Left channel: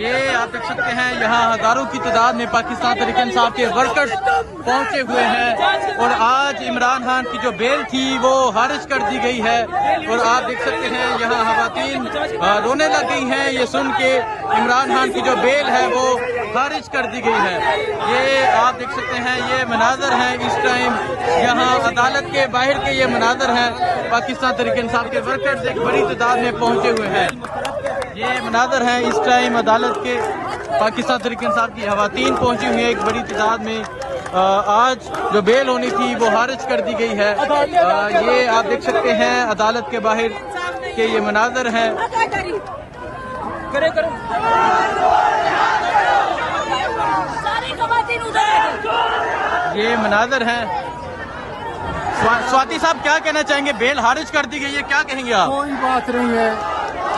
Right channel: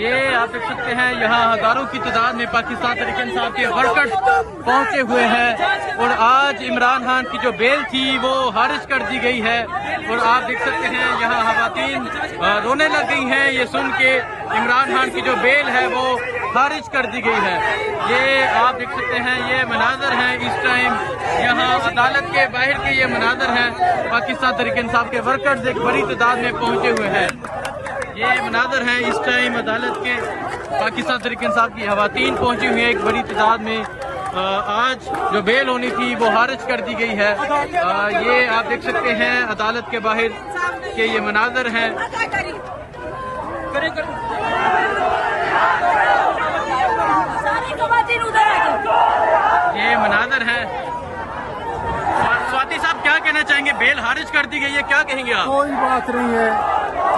یہ آپ دیکھ سکتے ہیں یہاں ہزاروں کی تعداد میں پاکستان تحریک انصاف کے ورکرز پہنچے ہوئے ہیں اور آج عمران خان کی جو بیل تھی وہ خارج کر دی گئی ہے اور آپ دیکھ سکتے ہیں یہاں خواتین رونے لگ گئی ہیں یہ سن کے عمران خان کی جو بیل ہے وہ خارج کر دی گئی ہے۔ یہ آپ دیکھ سکتے ہیں یہ مناظر ہیں اس ٹائم یہاں عدالت کے باہر کے یہ مناظر ہیں پاکستان تحریک انصاف کے ورکرز ایک بڑی تعداد میں پہنچے ہوئے ہیں۔ یہ مناظر ہیں اس ٹائم عدالت کے پاکستان تحریک انصاف کی خواتین پہنچی ہوئی ہیں ایک بڑی تعداد میں۔ آج جو بیل ہونی تھی وہ خارج کر دی گئی ہے۔ یہ آپ دیکھ سکتے ہیں عدالت کے باہر کے یہ مناظر ہیں۔ یہ مناظر ہیں۔ سواتی صاحب کیا کہنا چاہیں گے؟ بیل خارج کر دی گئی ہے، کیا کہیں گے آپ؟ کوئی بات نہیں ہے،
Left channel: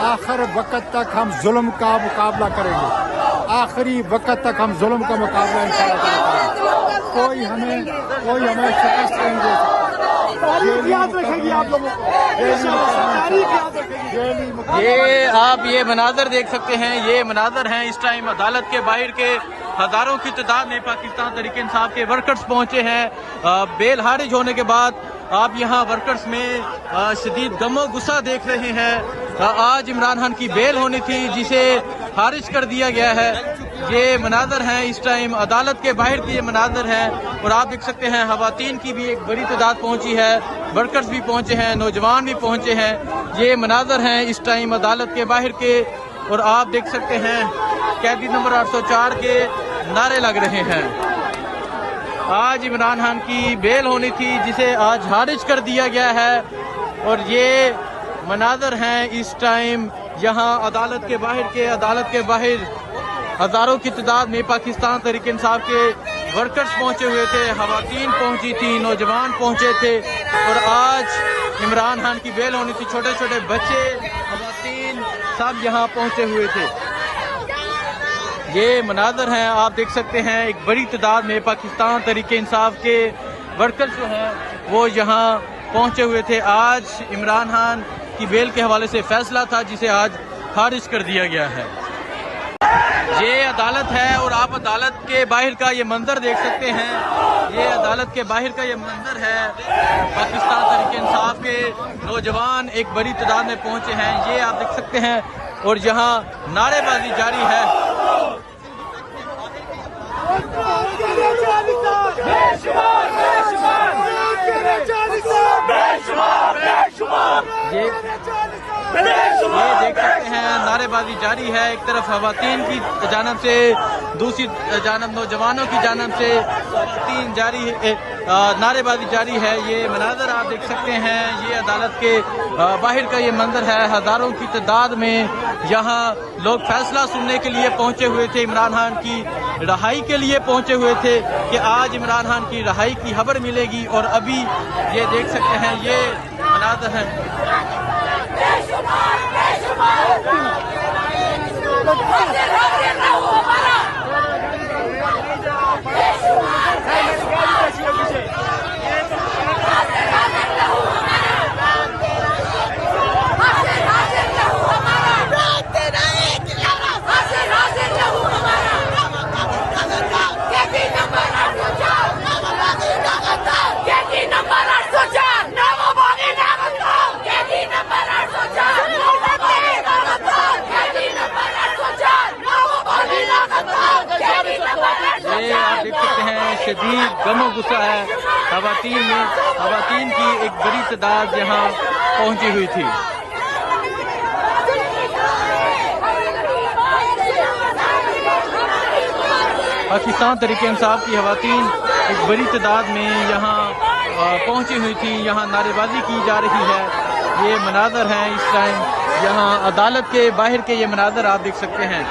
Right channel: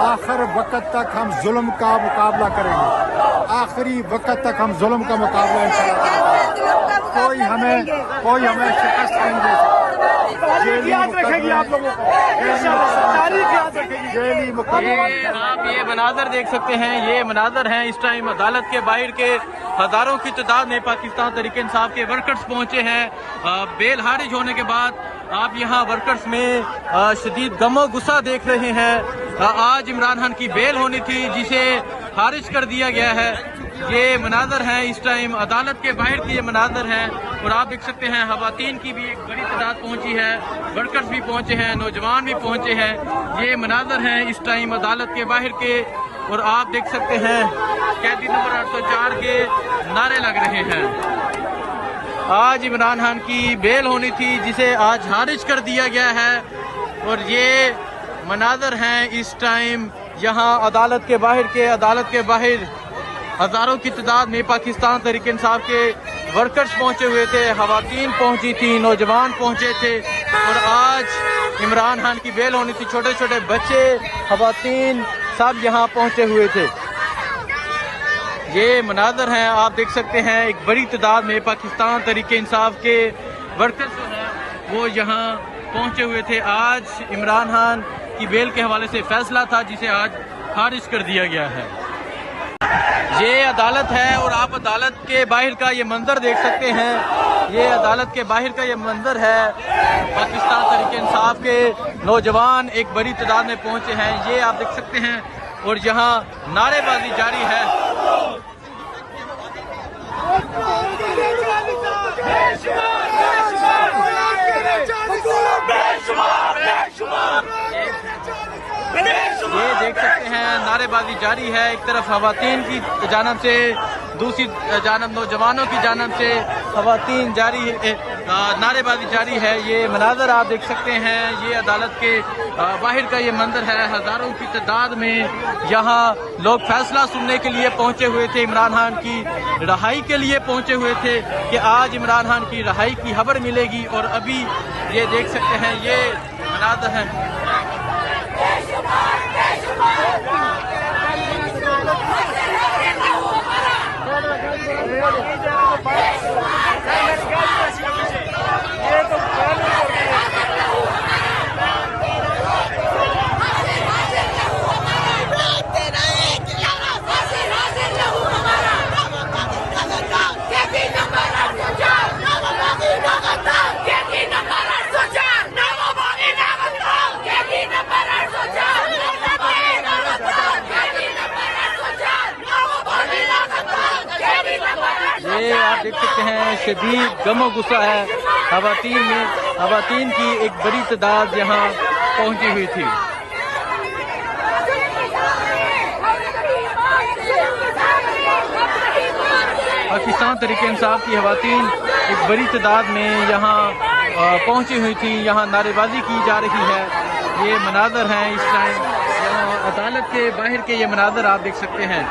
آخر وقت تک ہم ظلم کا مقابلہ کریں گے، آخری وقت تک ہم ظلم کا مقابلہ انشاءاللہ کریں گے۔ کوئی ہمیں شکست نہیں دے سکتا۔ یہ آپ یہ مناظر دیکھ سکتے ہیں، یہ مناظر ہیں اس ٹائم عدالت کے باہر کے ہزاروں کی تعداد میں پاکستان تحریک انصاف کے ورکرز پہنچے ہیں۔ بیل خارج ہونے کے بعد آپ یہاں ورکرز میں شدید غم و غصہ دیکھ رہے ہیں۔ آج عمران خان کی بیل ہونی تھی جسے خارج کر دیا گیا ہے۔ یہ مناظر ہیں اس ٹائم عدالت کے باہر کے یہ مناظر ہیں اور آپ دیکھ سکتے ہیں خواتین کی بھی ایک بڑی تعداد پہنچی ہے، ورکرز بھی پہنچے ہیں، نوجوان بھی پہنچے ہیں۔ یہ مناظر ہیں اس ٹائم عدالت کے باہر کے اور آپ دیکھ سکتے ہیں قیدی نمبر 804 کے نعرے لگ رہے ہیں۔ آج عمران خان کی بیل ہونی تھی جسے آج خارج کر دیا گیا ہے اور یہ مناظر ہیں اس ٹائم یہاں عدالت کے باہر کے عدالت کے باہر ہزاروں کی تعداد میں پاکستان تحریک انصاف کے ورکرز پہنچے ہوئے تھے، خواتین پہنچی تھیں، نوجوان پہنچے تھے اور آج عمران خان کی بیل ہونی تھی۔ چھوٹے چھوٹے بچے، خواتین سب یہاں پہنچے ہوئے تھے۔ یہ مناظر ہیں آپ دیکھ سکتے ہیں ایک بڑی تعداد میں پاکستان تحریک انصاف کے ورکرز جو ہیں وہ یہاں پہنچے ہوئے تھے۔ آج عمران خان کی بیل کے حوالے سے فیصلہ تھا جسے آج خارج کر دیا گیا ہے۔ یہ عدالت ہے اور آپ عدالت کے باہر کا یہ منظر دیکھ سکتے ہیں۔ یہ عدالت کے باہر کا یہ منظر ہے، پاکستان تحریک انصاف کے نوجوان ایک بڑی تعداد میں پہنچے ہیں، یہ آپ دیکھ سکتے ہیں اور یہاں نعرے بازی جاری ہے۔ یہ دیکھ سکتے ہیں نعرے بازی جاری ہے، ایک طرف خواتین کی جانب سے، دوسری جانب نوجوانوں کی جانب سے خواتین نعرے بازی جاری ہے۔ یہ مناظر آپ دیکھ سکتے ہیں، یہ عدالت کے باہر کا یہ منظر ہے۔ ہزاروں کی تعداد میں یہاں لوگ فیصلہ سننے کے لیے پہنچے ہوئے تھے، عمران خان کی رہائی کے لیے پہنچے ہوئے تھے کہ آج عمران خان کی رہائی کی خبر ملے گی اور ابھی یہ دیکھ سکتے ہیں یہ مناظر ہیں۔ یہ آپ دیکھ سکتے ہیں شدید غم و غصہ ہے خواتین کی ایک بڑی تعداد یہاں پہنچی ہوئی تھی۔ پاکستان تحریک انصاف کی خواتین ایک بڑی تعداد میں یہاں پہنچی ہوئی تھی، یہاں نعرے بازی کی جا رہی ہے۔ یہ مناظر ہیں اس ٹائم یہاں عدالت کے باہر کے یہ مناظر آپ دیکھ سکتے ہیں۔